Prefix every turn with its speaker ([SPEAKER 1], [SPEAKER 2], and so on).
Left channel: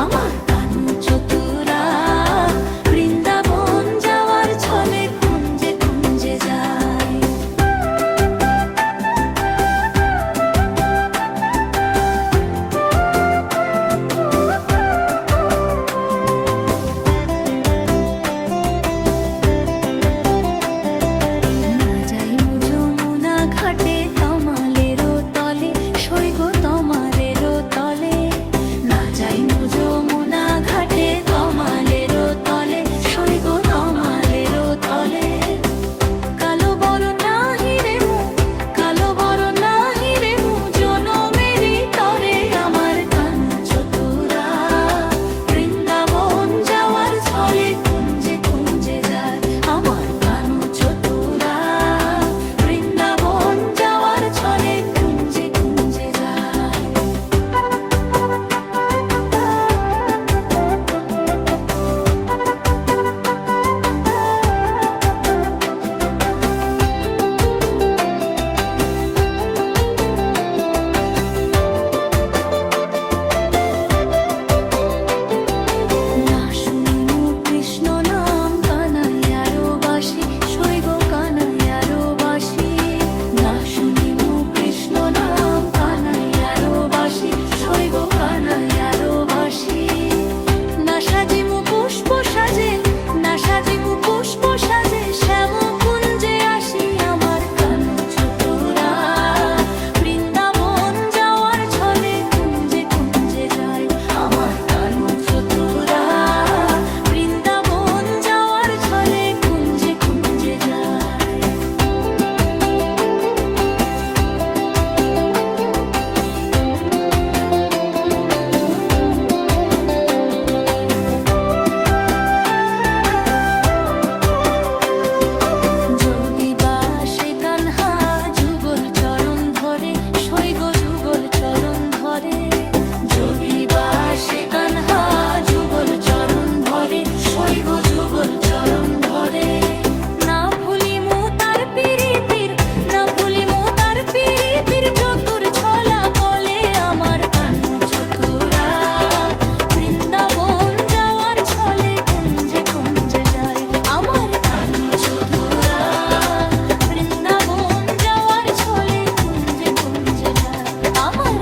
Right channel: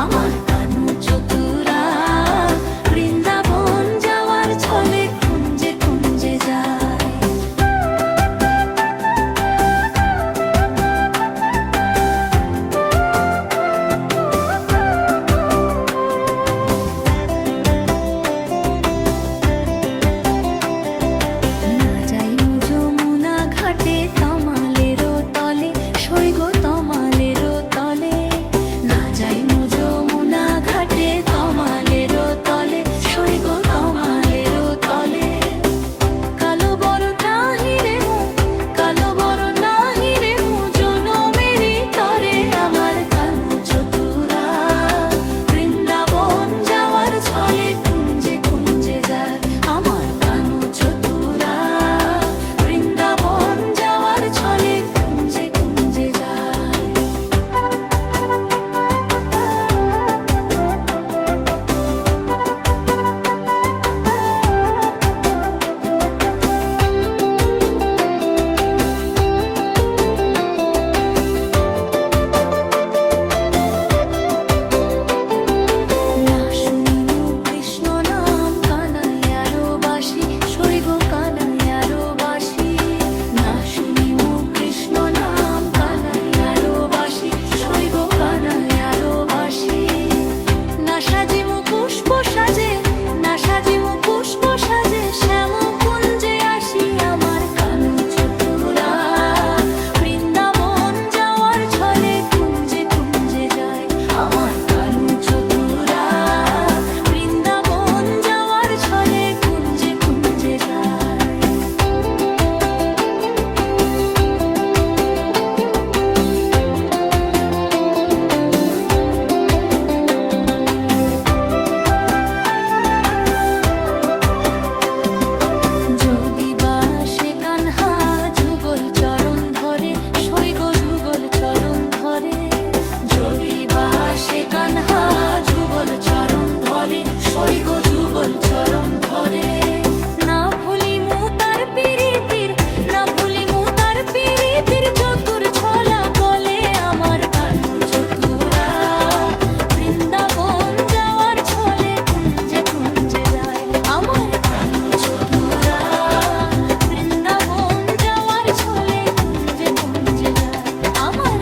[SPEAKER 1] Ama নাজুক বৃন্দাবন যাওয়ার ছলে কুঞ্জে কুঞ্জে যায়। আমার